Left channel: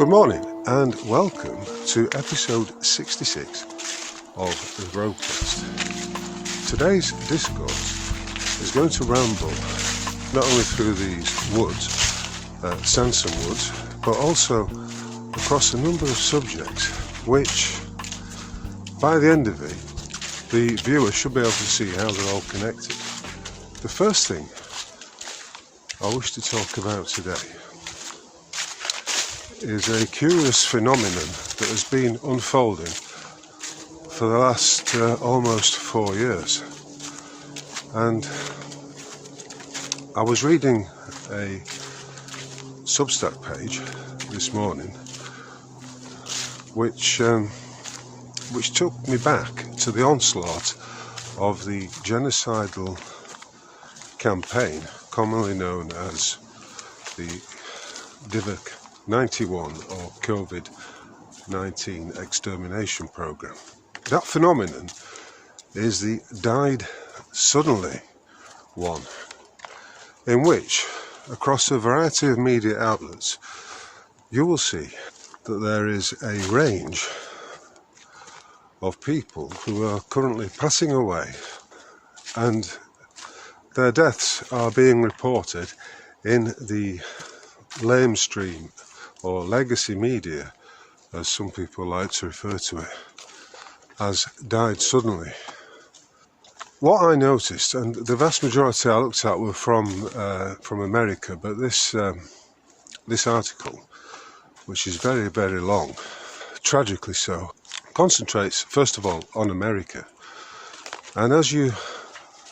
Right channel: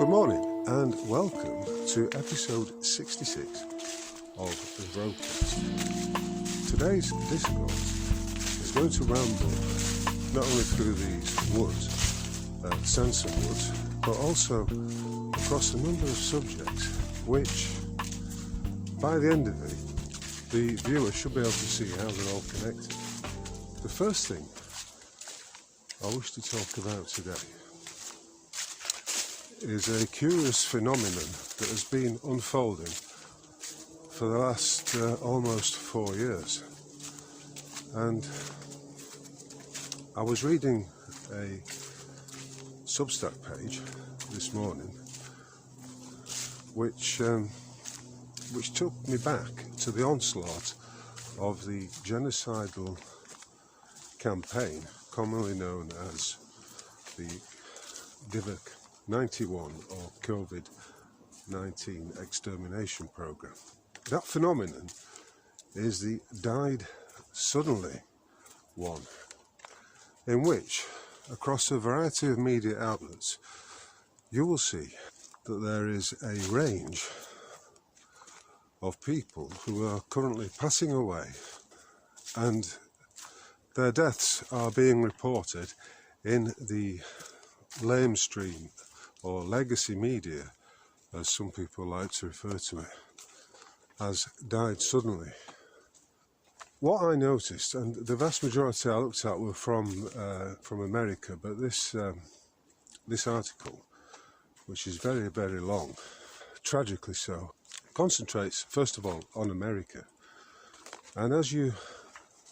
Good morning and welcome to episode 66 of the Broadcast. Today's discourse is going to ramble not only through these woods, Sansom woods, but also across a number of subjects which, by the end of it, the viewer should be able to see how they're all connected. The first thing I wish to talk about today is a curious phenomenon that has been unfolding for the last almost 4 years. And I was reading a Substack page this morning which took me back to the onslaught of the genocidal campaign commonly known as the COVID-91 or COVID-19 extermination program. That phenomenon is the died suddenly one, in which across a variety of media outlets you will see that there is a range of people who are currently passing away, and their deaths are being reported in the lamestream or legacy media, as some people like to refer to it, as died suddenly. What I noticed, and the vast majority I looked at were from America, but this article, which is very, very long, tragically so, concentrates first of all on America. And as you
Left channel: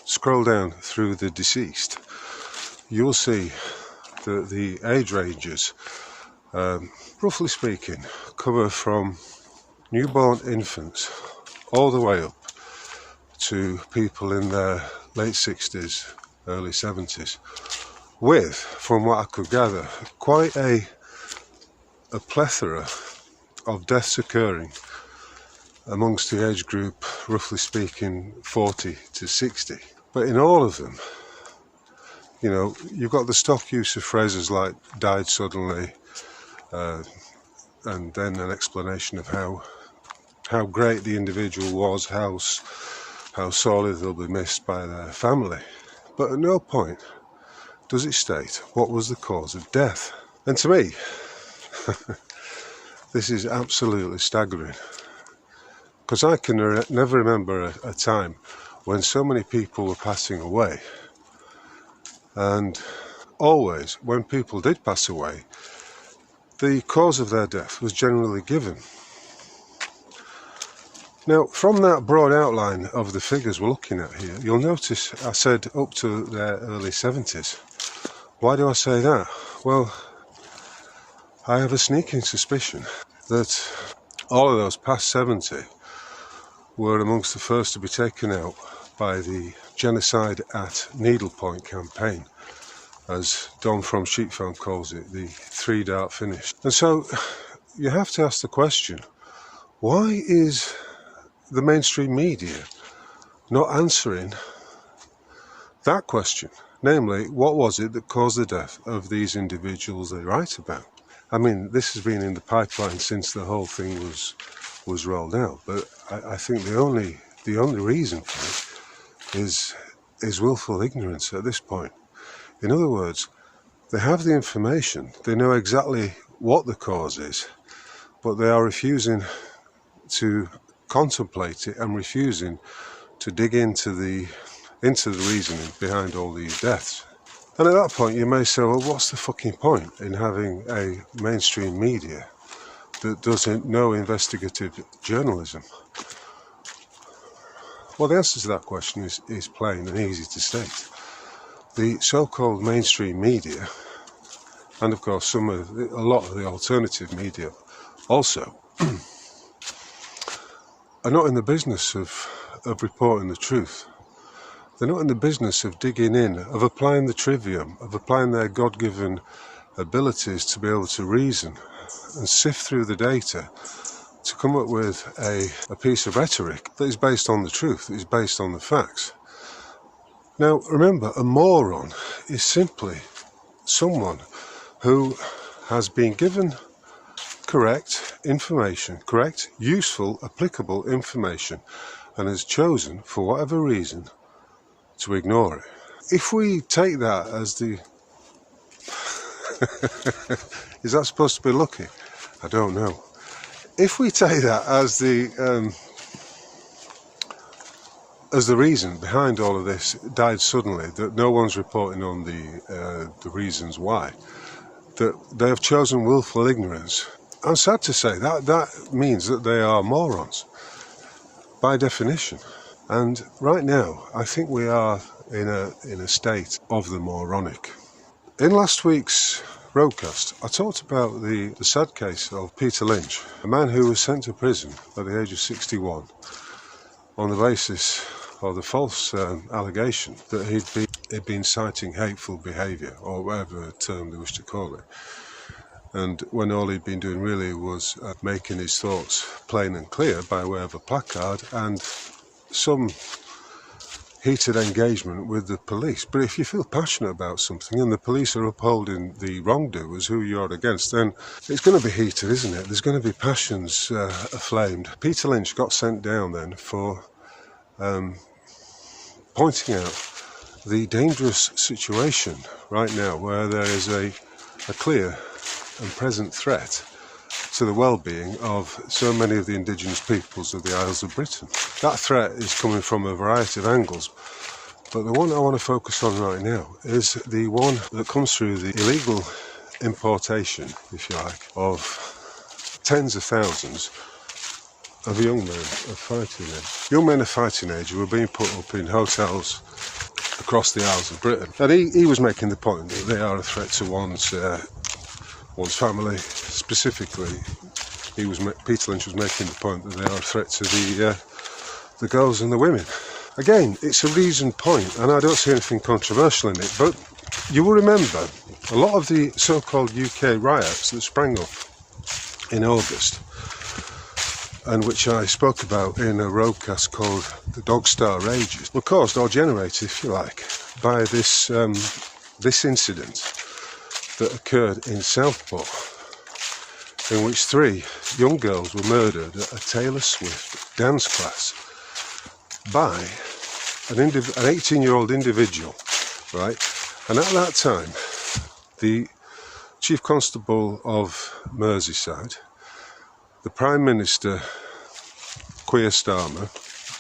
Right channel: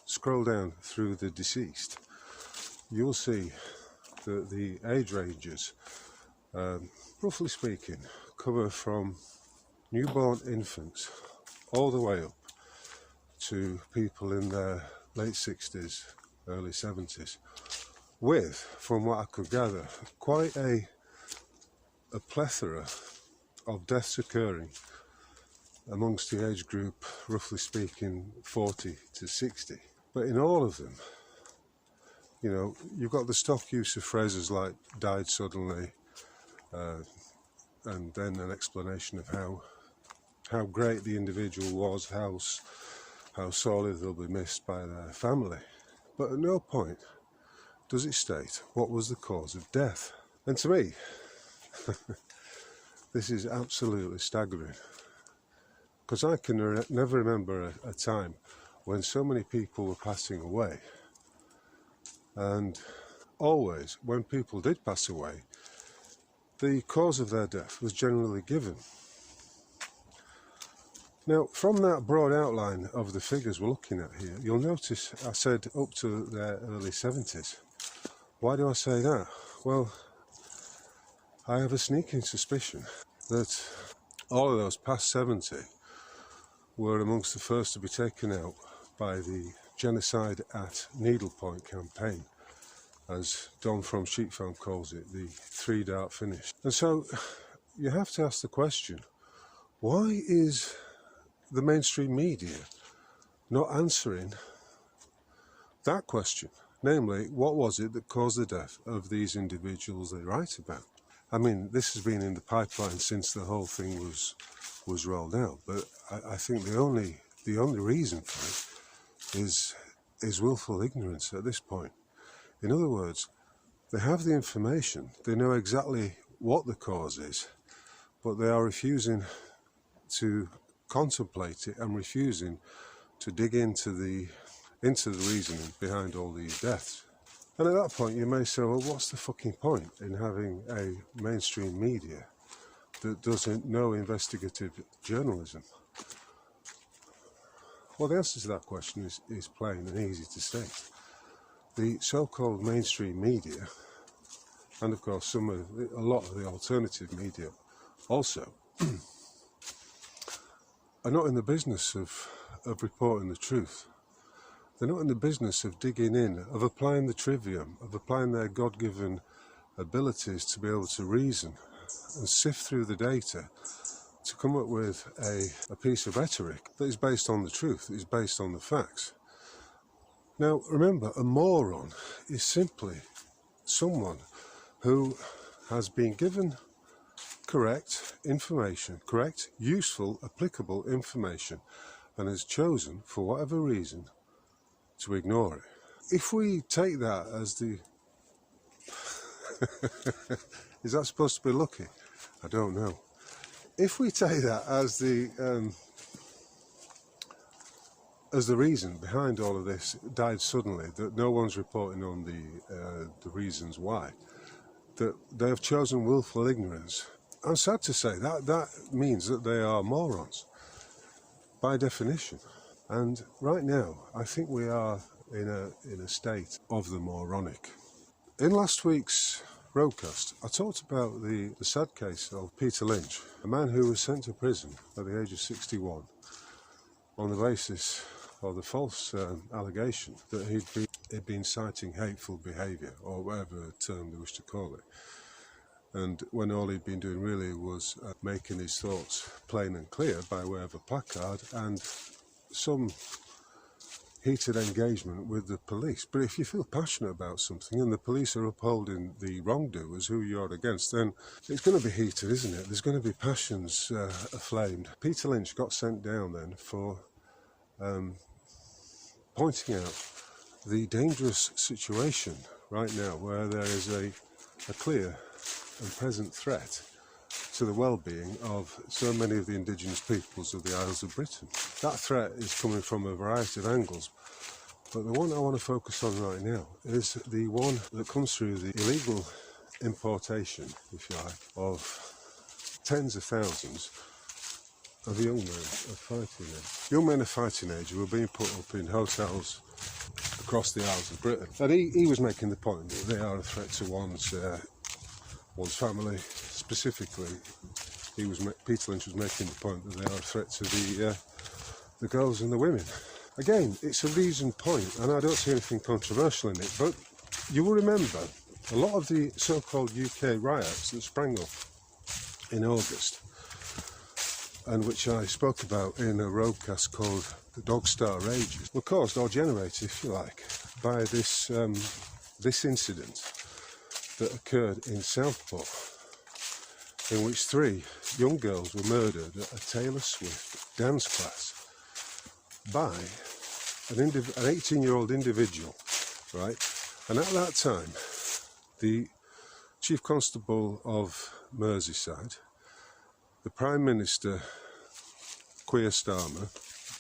scroll down through the deceased, you'll see that the age ranges, roughly speaking, cover from newborn infants all the way up to people in their late 60s, early 70s, with, from what I could gather, quite a plethora of deaths occurring amongst the age group, roughly speaking, 40 to 60. But in all of them, you know, you've got the stock use of phrases like died suddenly, and then an explanation of how great the individual was, how sorely they'll be missed by their family. But at no point does it state what was the cause of death. And to me, this is absolutely staggering, because I can never remember a time when so many people were passing away. And always, when people did pass away, the cause of their death was generally given. Now, from that broad outline of the figures we're looking at here, you'll notice I said up to their early 70s. Why do I say that? Well, I have a sneaking suspicion that all of those past 70 were amongst the first to be taken out by the genocide at needlepoint campaign, as Don from Sheepfarm calls it, the 3-dart finish. And so you have to ask the question, why is the mainstream media not answering that question? Namely, what was it that caused the death of these individuals they write about? I mean, this has been in the pipeline since the whole thing was rolled out, but I think the only reason for it is willful ignorance at this point. In other words, they have the information, they know exactly what the cause is, but they are refusing to contemplate it and refusing to dig into the reasoning behind all these deaths. And at that point you may say, well, what's the fucking point in having a mainstream media that does no investigative journalism? Well, the answer to that question is plain and easy to state. The so-called mainstream media, and of course a lot of the alternative media also, are not in the business of reporting the truth. They're not in the business of digging in, of applying the trivium, of applying their God-given abilities to be able to reason and sift through the data to come up with a piece of rhetoric that is based on the truth, that is based on the facts. Now, remember, a moron is simply someone who has been given correct information, correct, useful, applicable information, and has chosen, for whatever reason, to ignore it. If we take that as the... Is that supposed to be lucky? I don't know. If we take that as the reason behind all of this, died suddenly, that no one's reporting on the reasons why, that they have chosen willful ignorance, I'm sad to say that means that they are morons, by definition. And right now, I think we are in a state of the moronic. In last week's broadcast, I talked about the sad case of Peter Lynch, a man who was sent to prison at the age of 61 on the basis of the false allegation that he'd been citing hateful behaviour, or whatever term they wish to call it, and when all he'd been doing really was making his thoughts plain and clear by way of a placard and some heated engagement with the police. But if you feel passionate about something and the police are upholding the wrongdoers who you're against, then it's going to be heated, isn't it? There's going to be passions aflamed. Peter Lynch got sent down then for pointing out the dangerous situation right now where there is a clear and present threat to the well-being of so many of the indigenous peoples of the Isles of Britain. That threat is coming from a variety of angles, but the one I want to focus on right now is the one that comes through the illegal importation, if you like, of tens of thousands of young men of fighting age. Young men of fighting age who were being put up in hotels across the Isles of Britain. And he was making the point that they are a threat to one's family. Specifically, Peter Lynch was making the point that they are a threat to the girls and the women. Again, it's a reasoned point, and I don't see anything controversial in it, but you will remember a lot of the so-called UK riots that sprang up in August, and which I spoke about in a roadcast called The Dog Star Rages, were caused or generated, if you like, by this incident that occurred in Southport, in which 3 young girls were murdered at a Taylor Swift dance class by an 18-year-old individual, right? And at that time, the Chief Constable of Merseyside, the Prime Minister, Keir Starmer,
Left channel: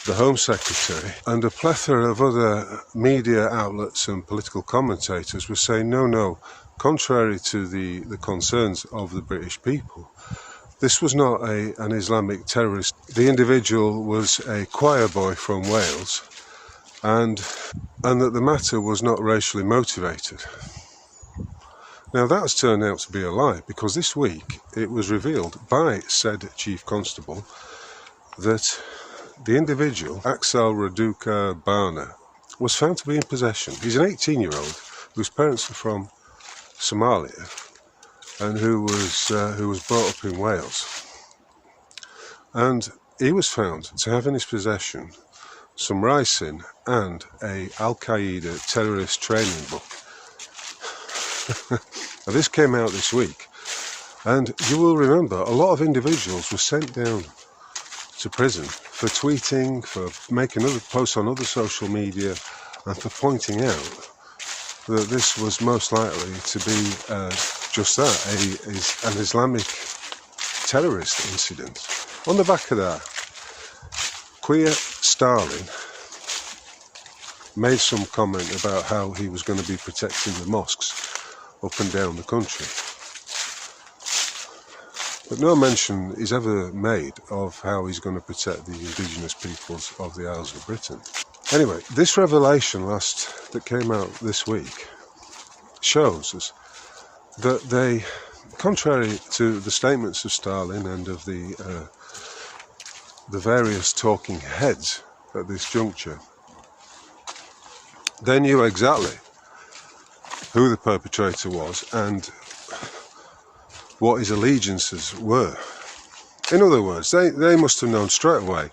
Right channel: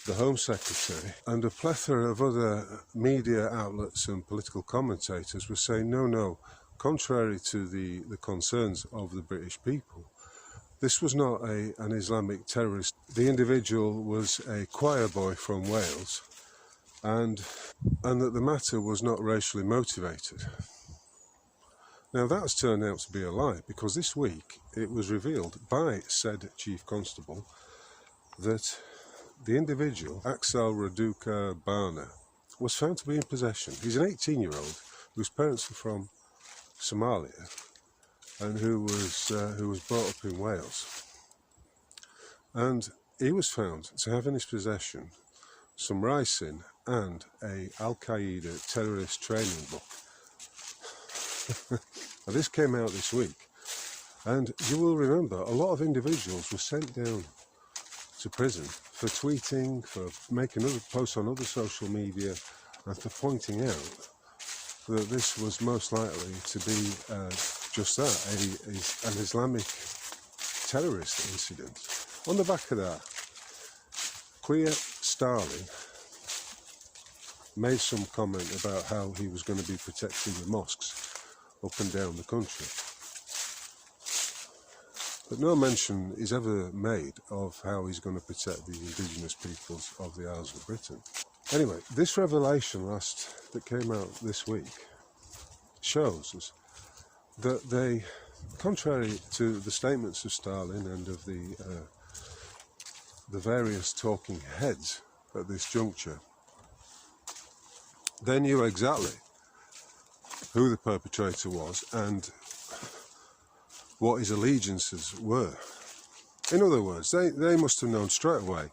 the Home Secretary, and a plethora of other media outlets and political commentators were saying, no, contrary to the concerns of the British people, this was not an Islamic terrorist. The individual was a choir boy from Wales, and that the matter was not racially motivated. Now that's turned out to be a lie, because this week it was revealed by said Chief Constable that the individual, Axel Raduca Barna, was found to be in possession. He's an 18-year-old whose parents are from Somalia and who was brought up in Wales. And he was found to have in his possession some ricin and a Al-Qaeda terrorist training book. Now this came out this week, and you will remember a lot of individuals were sent down to prison for tweeting, for making other posts on other social media, and for pointing out that this was most likely to be just that, an Islamic terrorist incident. On the back of that, Keir Starmer made some comment about how he was going to be protecting the mosques up and down the country. But no mention is ever made of how he's going to protect the indigenous peoples of the Isles of Britain. Anyway, this revelation that came out this week shows us that they, contrary to the statements of Stalin and of the various talking heads at this juncture, they knew exactly who the perpetrator was and what his allegiances were. In other words, they must have known straight away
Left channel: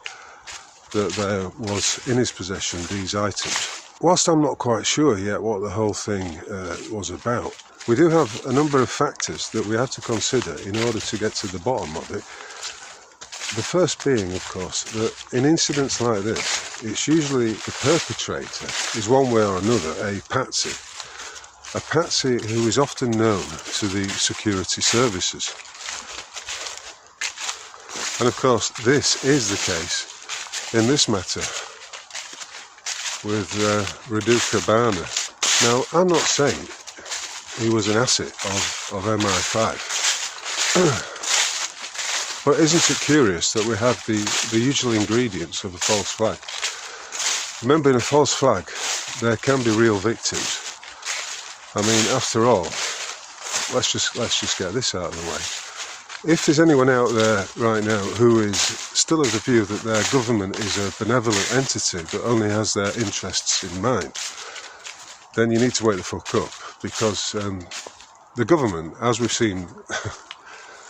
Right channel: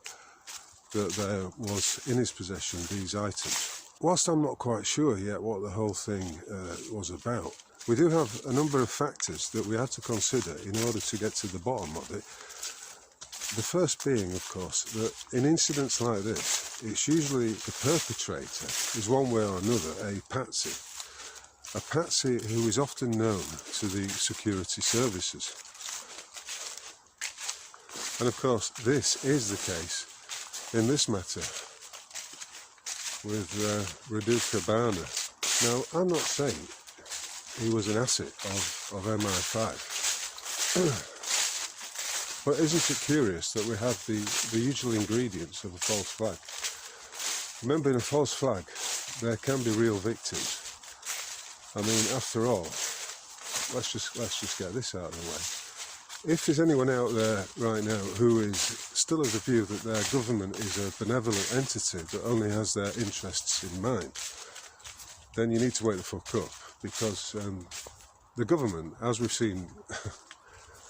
that there was in his possession these items. whilst I'm not quite sure yet what the whole thing was about, we do have a number of factors that we have to consider in order to get to the bottom of it. The first being, of course, that in incidents like this, it's usually the perpetrator is one way or another a patsy who is often known to the security services. And of course, this is the case in this matter with Reduka Barner. Now, I'm not saying he was an asset of MI5, but isn't it curious that we have the usual ingredients of a false flag? Remember, in a false flag, there can be real victims. I mean, after all, let's just get this out of the way. If there's anyone out there right now who is still of the view that their government is a benevolent entity that only has their interests in mind, then you need to wake the fuck up, because the government, as we've seen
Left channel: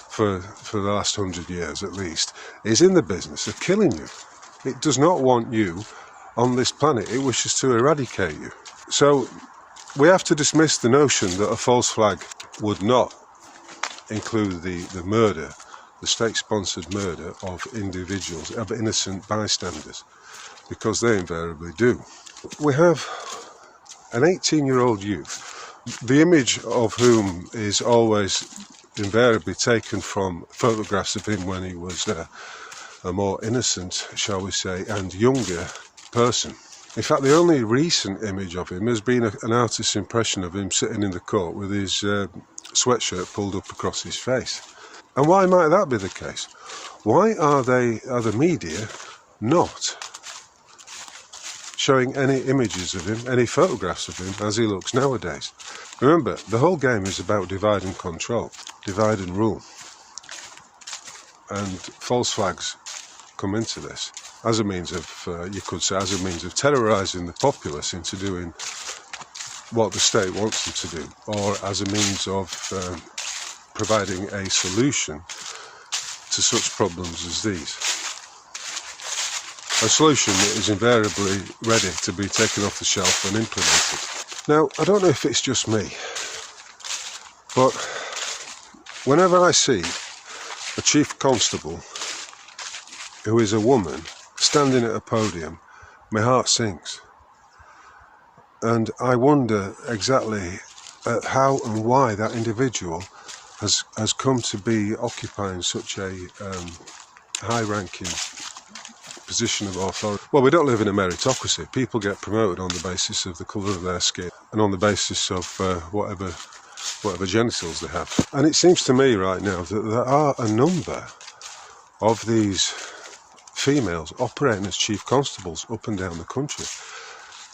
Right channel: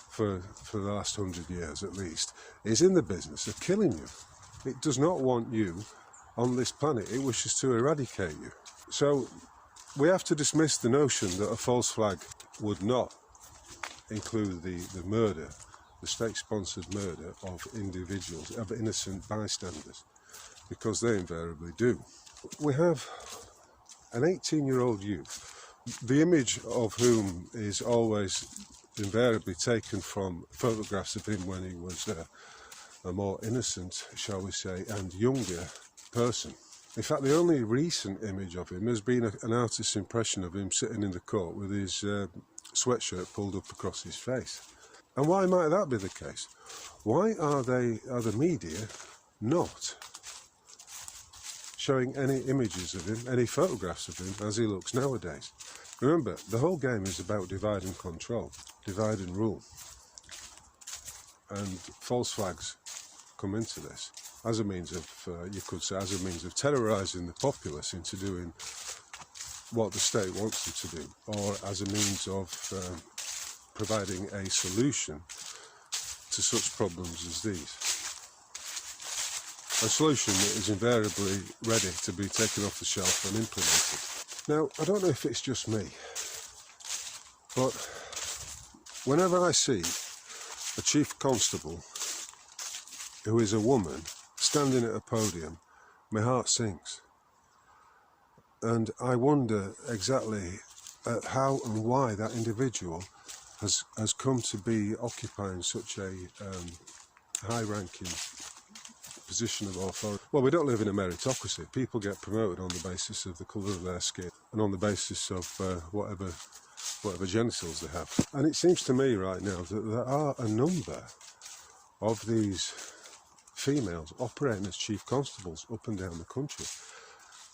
for the last 100 years at least, is in the business of killing you. It does not want you on this planet. It wishes to eradicate you. So we have to dismiss the notion that a false flag would not include the murder, the state-sponsored murder of individuals, of innocent bystanders, because they invariably do. We have an 18-year-old youth, the image of whom is always invariably taken from photographs of him when he was a more innocent, shall we say, and younger person. In fact, the only recent image of him has been an artist's impression of him sitting in the court with his sweatshirt pulled up across his face. And why might that be the case? Why are the media not showing any images of him, any photographs of him as he looks nowadays? Remember, the whole game is about divide and control, divide and rule. And false flags come into this as a means of, you could say, as a means of terrorising the populace into doing what the state wants them to do, or as a means of providing a solution to such problems as these. A solution that is invariably ready to be taken off the shelf and implemented. Now, I don't know if it's just me, but whenever I see a chief constable who is a woman standing at a podium, my heart sinks. And I wonder exactly how and why that individual has come to be occupying such a high-ranking position of authority. Well, we don't live in a meritocracy. People get promoted on the basis of the colour of their skin and on the basis of whatever genitals they have. And it seems to me right now that there are a number of these females operating as chief constables up and down the country.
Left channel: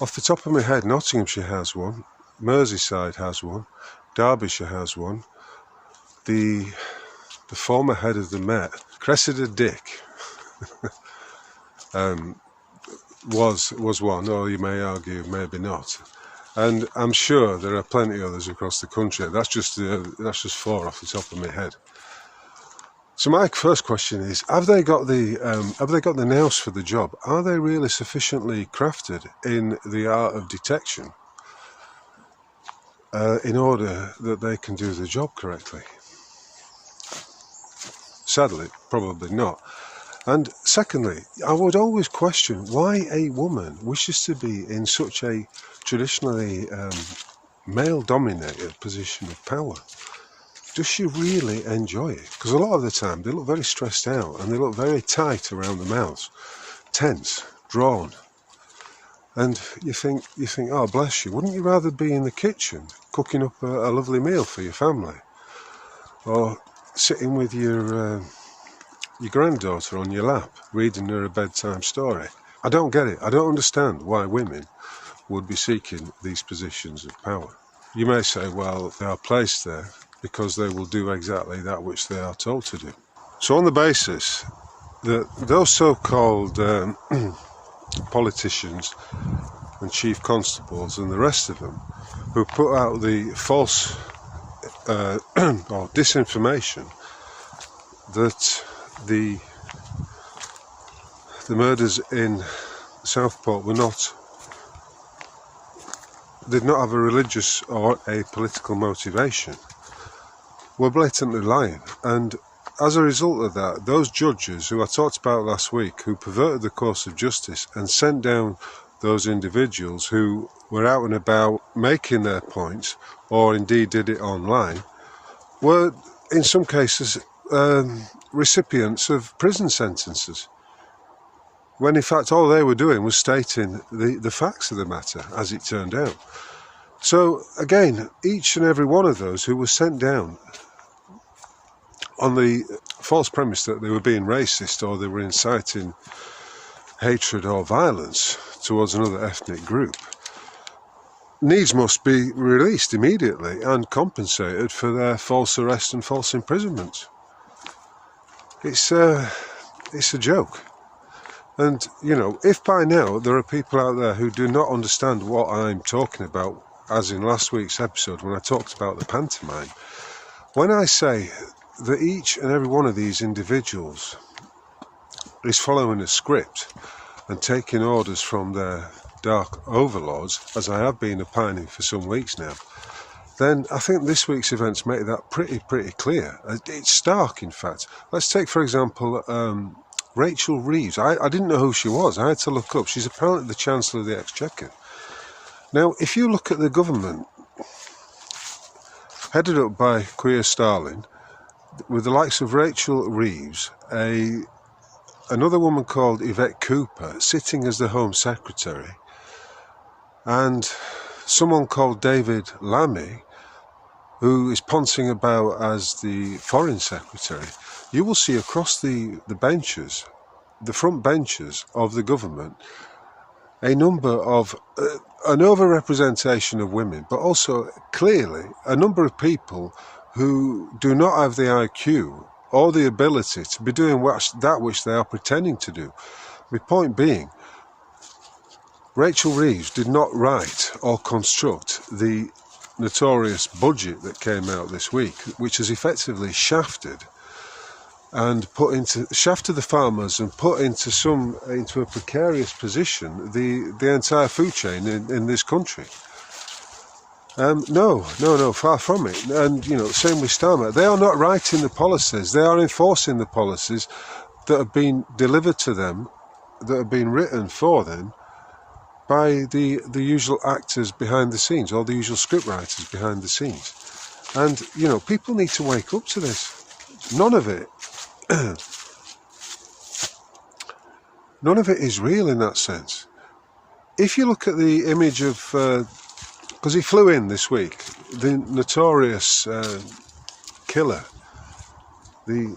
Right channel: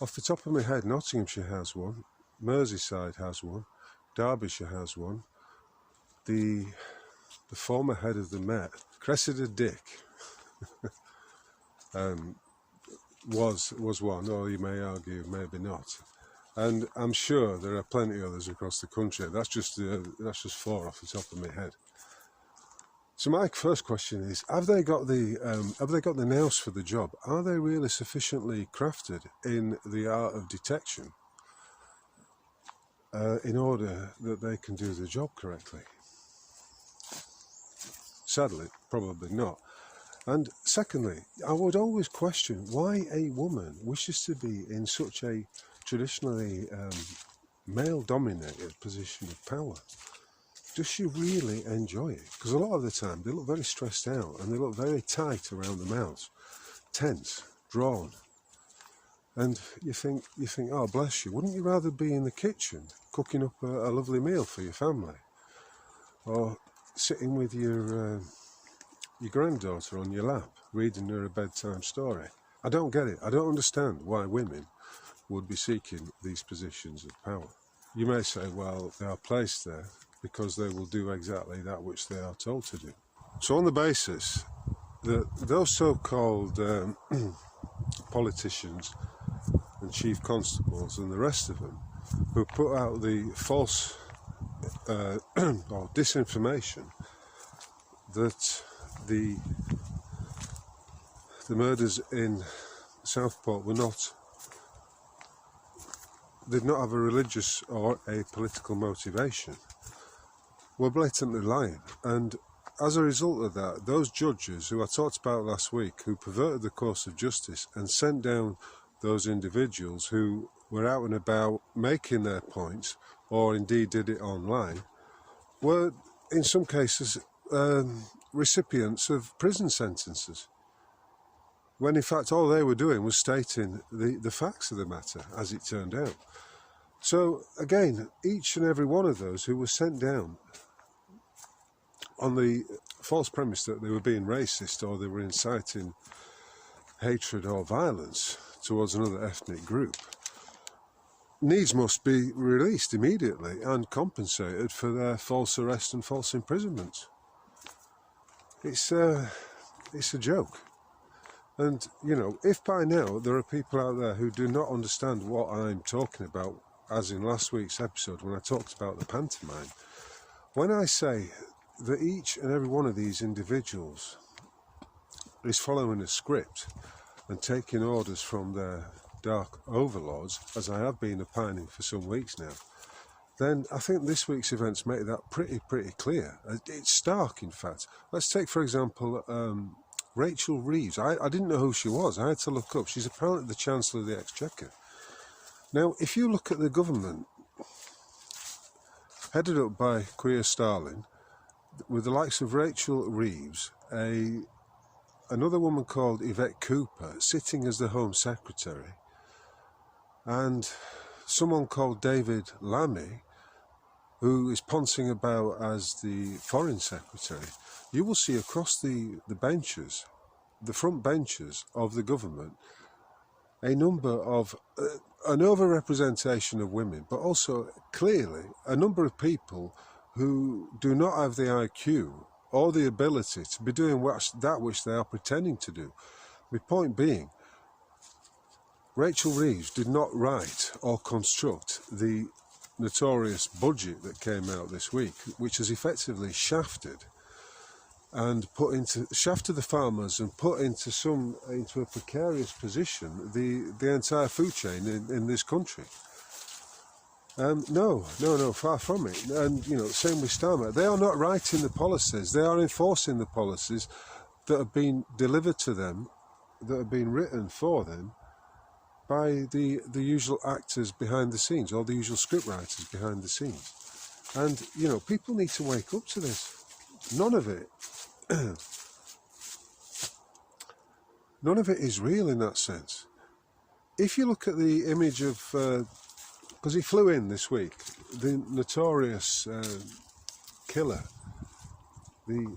Off the top of my head, Nottinghamshire has one, Merseyside has one, Derbyshire has one, the former head of the Met, Cressida Dick, was one, or you may argue maybe not. And I'm sure there are plenty others across the country. That's just four off the top of my head. So my first question is: have they got the nous for the job? Are they really sufficiently crafted in the art of detection in order that they can do the job correctly? Sadly, probably not. And secondly, I would always question why a woman wishes to be in such a traditionally male-dominated position of power. Does she really enjoy it? Because a lot of the time they look very stressed out and they look very tight around the mouths, tense, drawn. And you think, oh bless you, wouldn't you rather be in the kitchen cooking up a lovely meal for your family? Or sitting with your granddaughter on your lap, reading her a bedtime story? I don't get it. I don't understand why women would be seeking these positions of power. You may say, well, they are placed there because they will do exactly that which they are told to do. So on the basis that those so-called politicians and chief constables and the rest of them who put out the false or disinformation that the murders in Southport were not did not have a religious or a political motivation were blatantly lying. And as a result of that, those judges who I talked about last week, who perverted the course of justice and sent down those individuals who were out and about making their points, or indeed did it online, were in some cases recipients of prison sentences, when in fact all they were doing was stating the facts of the matter as it turned out. So again, each and every one of those who was sent down on the false premise that they were being racist or they were inciting hatred or violence towards another ethnic group needs must be released immediately and compensated for their false arrest and false imprisonment. It's a joke. And, you know, if by now there are people out there who do not understand what I'm talking about, as in last week's episode when I talked about the pantomime, when I say that each and every one of these individuals is following a script and taking orders from their dark overlords, as I have been opining for some weeks now, then I think this week's events make that pretty clear. It's stark, in fact. Let's take, for example, Rachel Reeves. I didn't know who she was. I had to look up. She's apparently the Chancellor of the Exchequer. Now, if you look at the government, headed up by Keir Starmer, with the likes of Rachel Reeves, another woman called Yvette Cooper sitting as the Home Secretary, and someone called David Lammy, who is poncing about as the Foreign Secretary, you will see across the benches, the front benches of the government, a number of, an over-representation of women, but also clearly a number of people who do not have the IQ or the ability to be doing that which they are pretending to do. My point being, Rachel Reeves did not write or construct the notorious budget that came out this week, which has effectively shafted the farmers and put into a precarious position the entire food chain in this country. No, far from it. And, you know, same with Starmer. They are not writing the policies. They are enforcing the policies that have been delivered to them, that have been written for them by the usual actors behind the scenes, or the usual script writers behind the scenes. And, you know, people need to wake up to this. None of it is real in that sense. If you look at the image of, because he flew in this week, the notorious killer, the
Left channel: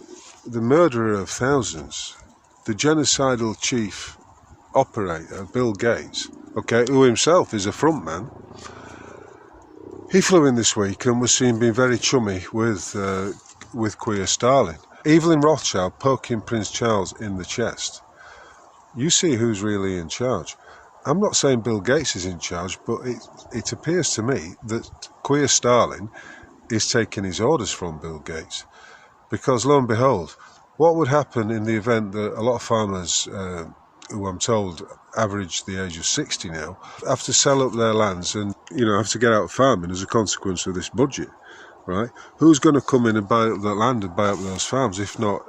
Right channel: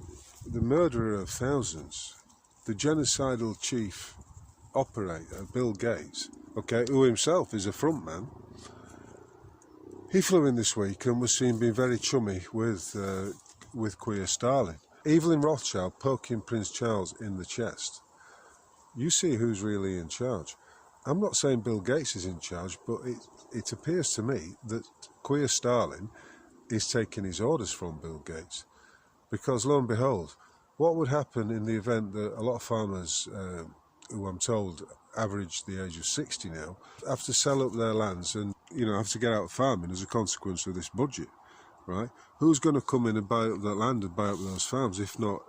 murderer of thousands, the genocidal chief operator, Bill Gates, okay, who himself is a front man. He flew in this week and was seen being very chummy with Keir Starmer. Evelyn Rothschild poking Prince Charles in the chest. You see who's really in charge. I'm not saying Bill Gates is in charge, but it appears to me that Keir Starmer is taking his orders from Bill Gates. Because lo and behold, what would happen in the event that a lot of farmers, who I'm told average the age of 60 now, have to sell up their lands and, you know, have to get out of farming as a consequence of this budget, right? Who's going to come in and buy up that land and buy up those farms, if not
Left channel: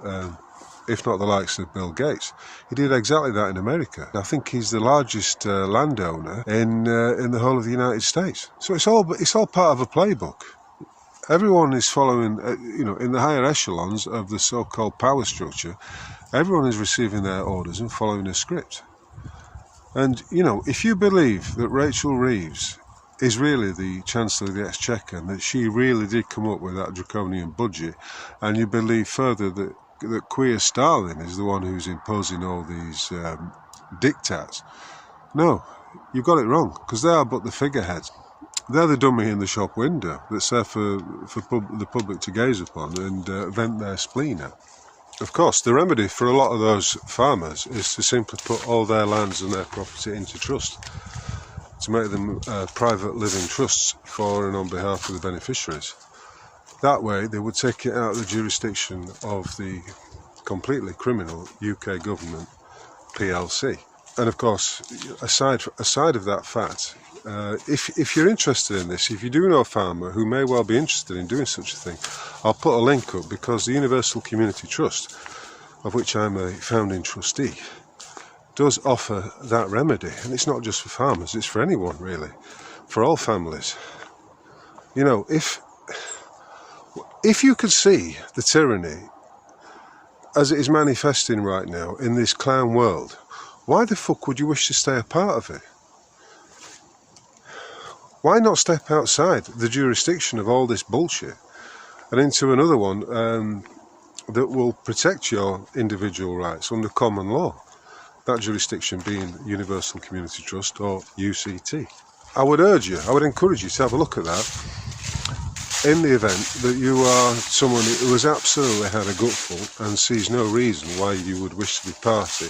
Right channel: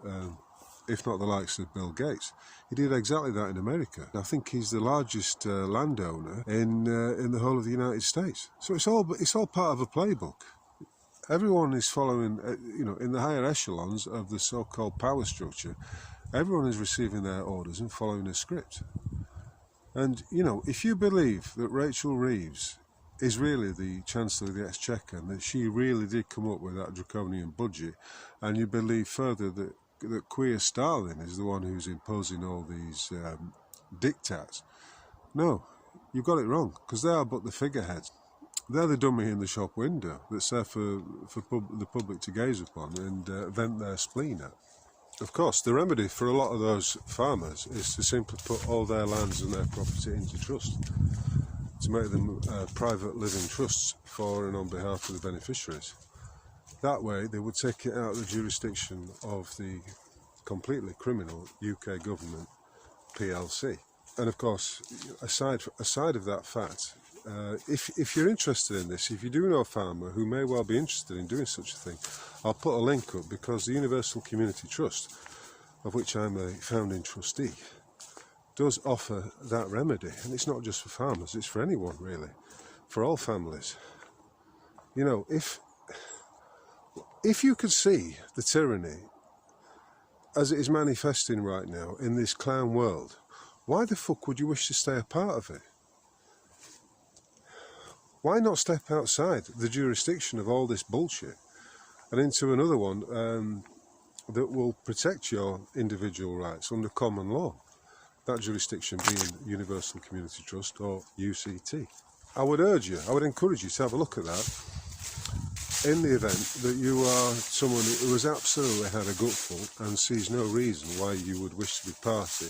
the likes of Bill Gates? He did exactly that in America. I think he's the largest landowner in the whole of the United States. So it's all part of a playbook. Everyone is following, you know, in the higher echelons of the so-called power structure, everyone is receiving their orders and following a script. And, you know, if you believe that Rachel Reeves is really the Chancellor of the Exchequer and that she really did come up with that draconian budget, and you believe further that Keir Starmer is the one who's imposing all these diktats, no, you've got it wrong, because they are but the figureheads. They're the dummy in the shop window that's there for the public to gaze upon and vent their spleen at. Of course, the remedy for a lot of those farmers is to simply put all their lands and their property into trust, to make them private living trusts for and on behalf of the beneficiaries. That way, they would take it out of the jurisdiction of the completely criminal UK government, PLC. And of course, aside of that fact, If you're interested in this, if you do know a farmer who may well be interested in doing such a thing, I'll put a link up, because the Universal Community Trust, of which I'm a founding trustee, does offer that remedy. And it's not just for farmers, it's for anyone really, for all families. You know, if you could see the tyranny as it is manifesting right now in this clown world, why the fuck would you wish to stay a part of it? Why not step outside the jurisdiction of all this bullshit and into another one that will protect your individual rights under common law? That jurisdiction being Universal Community Trust, or UCT. I would encourage you to have a look at that in the event that you are someone who has absolutely had a gutful and sees no reason why you would wish to be party.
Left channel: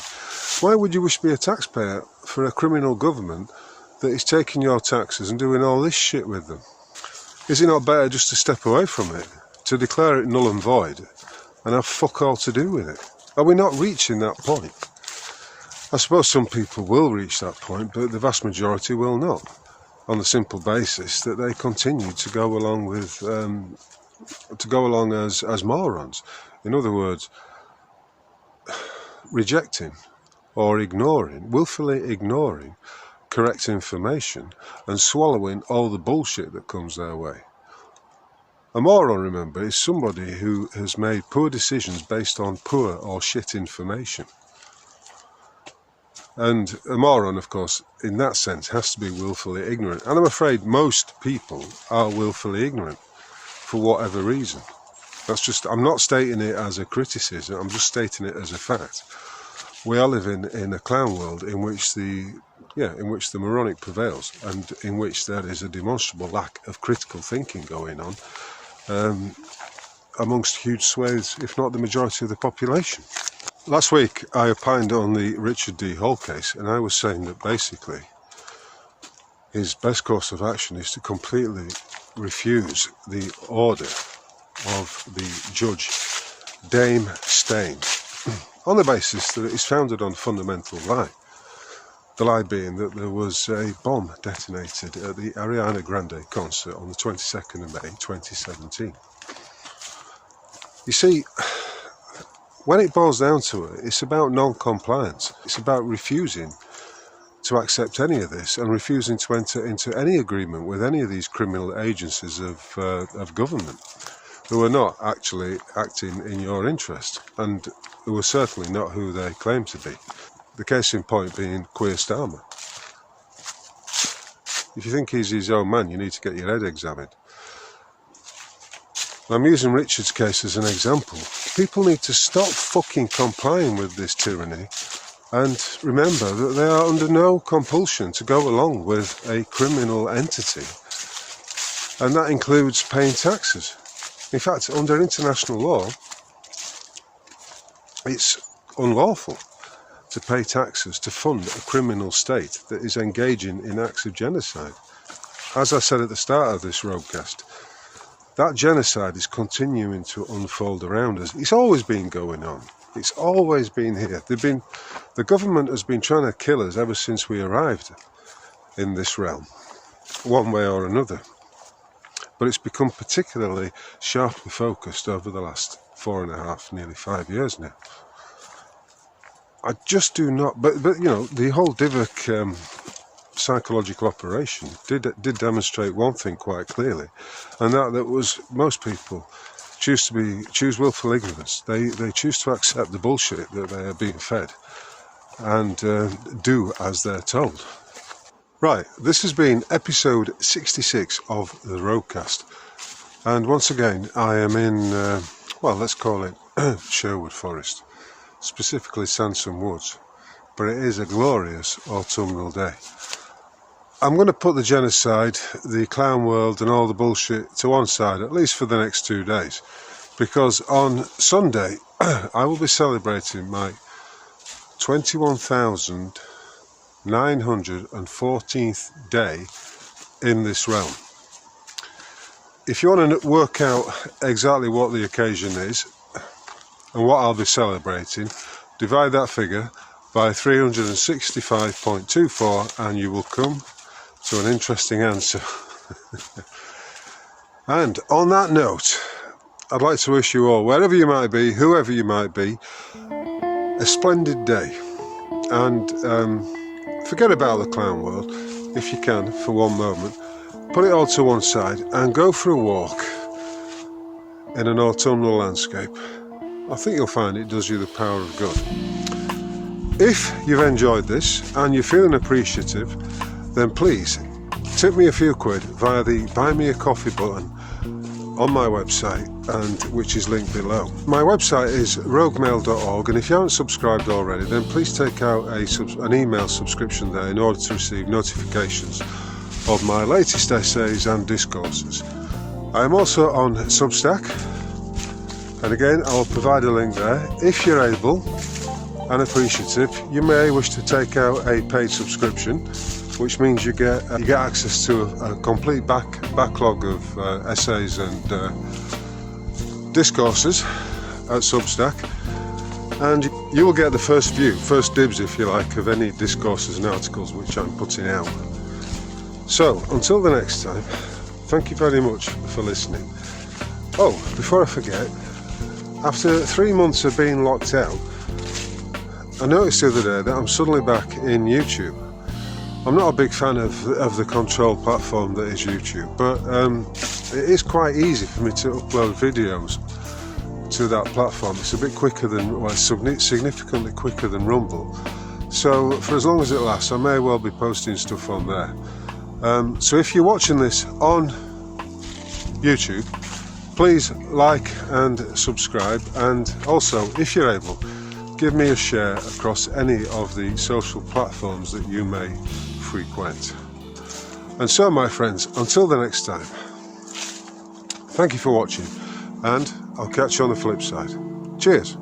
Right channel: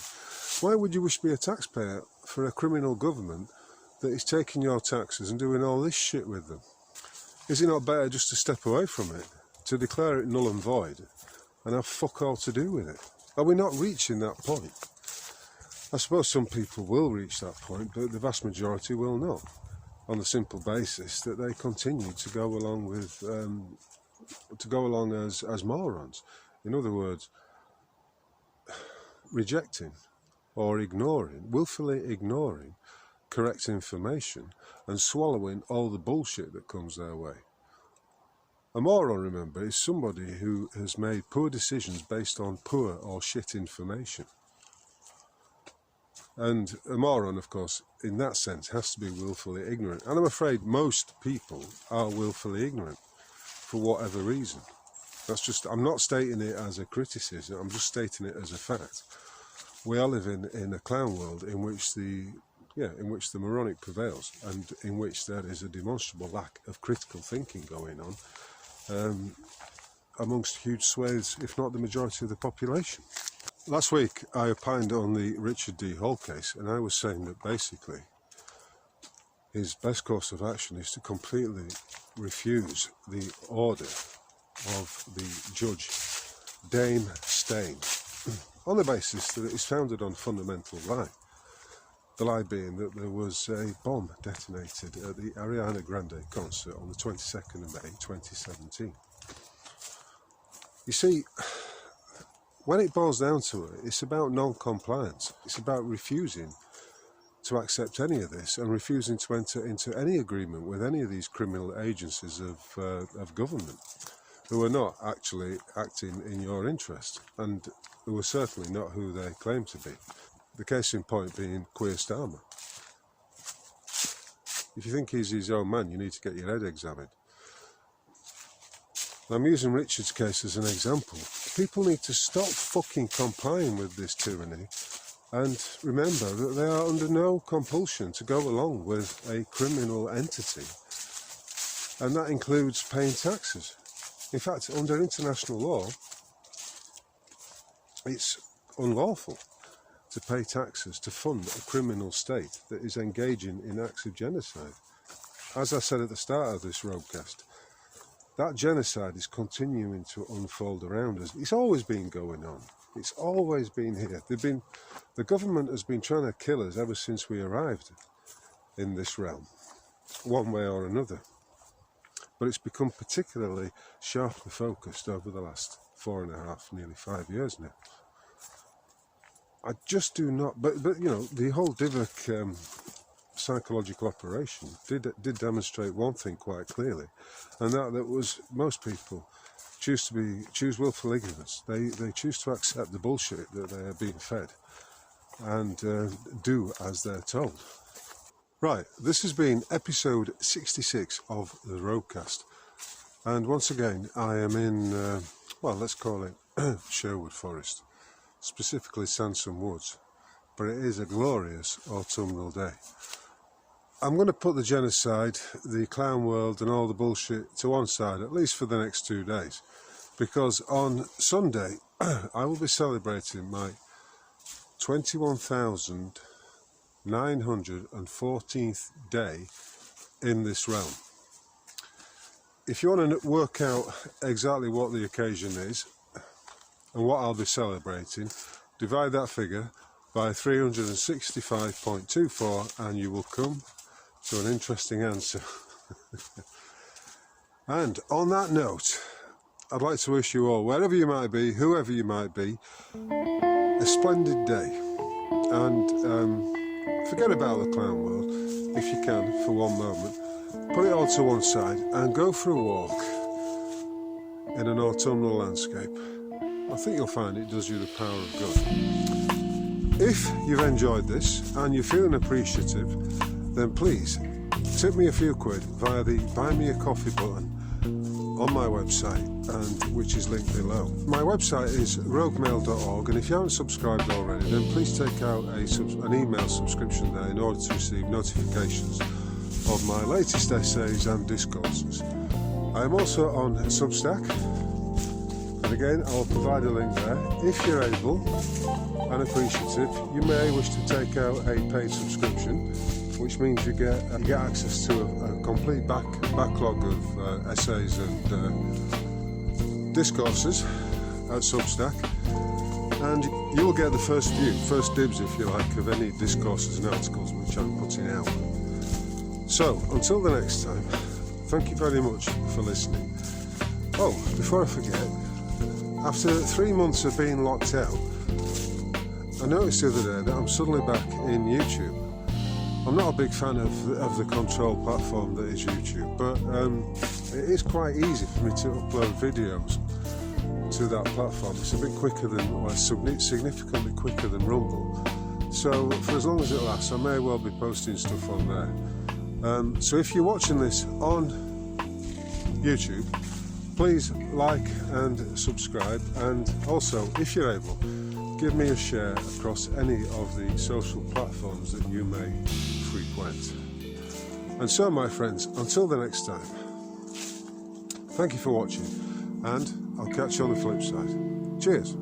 Why would you wish to be a taxpayer for a criminal government that is taking your taxes and doing all this shit with them? Is it not better just to step away from it, to declare it null and void, and have fuck all to do with it? Are we not reaching that point? I suppose some people will reach that point, but the vast majority will not, on the simple basis that they continue to go along with, as morons. In other words, rejecting or ignoring, willfully ignoring correct information and swallowing all the bullshit that comes their way. A moron, remember, is somebody who has made poor decisions based on poor or shit information. And a moron, of course, in that sense, has to be willfully ignorant. And I'm afraid most people are willfully ignorant for whatever reason. That's just, I'm not stating it as a criticism, I'm just stating it as a fact. We are living in a clown world in which the moronic prevails, and in which there is a demonstrable lack of critical thinking going on amongst huge swathes, if not the majority of the population. Last week I opined on the Richard D. Hall case, and I was saying that basically his best course of action is to completely refuse the order of the judge, Dame Steyn, on the basis that it is founded on fundamental lie. The lie being that there was a bomb detonated at the Ariana Grande concert on the 22nd of May 2017. You see, when it boils down to it, it's about non-compliance. It's about refusing to accept any of this and refusing to enter into any agreement with any of these criminal agencies of government who are not actually acting in your interest, and who are certainly not who they claim to be. The case in point being Keir Starmer. If you think he's his own man, you need to get your head examined. I'm using Richard's case as an example. People need to stop fucking complying with this tyranny and remember that they are under no compulsion to go along with a criminal entity, and that includes paying taxes. In fact, under international law, it's unlawful to pay taxes to fund a criminal state that is engaging in acts of genocide. As I said at the start of this roadcast, that genocide is continuing to unfold around us. It's always been going on. It's always been here. The government has been trying to kill us ever since we arrived in this realm, one way or another. But it's become particularly sharply focused over the last 4.5, nearly 5 years now. I just do not, but you know, the whole Divok psychological operation did demonstrate one thing quite clearly, and that was most people choose willful ignorance. They choose to accept the bullshit that they are being fed and do as they're told. Right, this has been episode 66 of the Roadcast, and once again I am in, well, let's call it Sherwood Forest, specifically Sansom Woods, but it is a glorious autumnal day. I'm going to put the genocide, the clown world and all the bullshit to one side, at least for the next 2 days, because on Sunday I will be celebrating my 21,914th day in this realm. If you want to work out exactly what the occasion is and what I'll be celebrating, divide that figure by 365.24 and you will come to an interesting answer. And on that note, I'd like to wish you all, wherever you might be, whoever you might be, a splendid day. And forget about the clown world, if you can, for one moment. Put it all to one side and go for a walk in an autumnal landscape. I think you'll find it does you the power of good. If you've enjoyed this and you're feeling appreciative, then please tip me a few quid via the Buy Me a Coffee button on my website, and which is linked below. My website is roguemail.org, and if you haven't subscribed already, then please take out an email subscription there in order to receive notifications of my latest essays and discourses. I am also on Substack, and again I'll provide a link there. If you're able and appreciative, you may wish to take out a paid subscription, which means you get access to a complete backlog of essays and discourses at Substack, and you will get the first dibs, if you like, of any discourses and articles which I'm putting out. So until the next time, thank you very much for listening. Oh, before I forget, after 3 months of being locked out, I noticed the other day that I'm suddenly back in YouTube. I'm not a big fan of the control platform that is YouTube, but it is quite easy for me to upload videos to that platform. It's a bit quicker significantly quicker than Rumble. So for as long as it lasts, I may well be posting stuff on there. So if you're watching this on YouTube, please like and subscribe, and also, if you're able, give me a share across any of the social platforms that you may frequent. And so, my friends, until the next time, thank you for watching, and I'll catch you on the flip side. Cheers.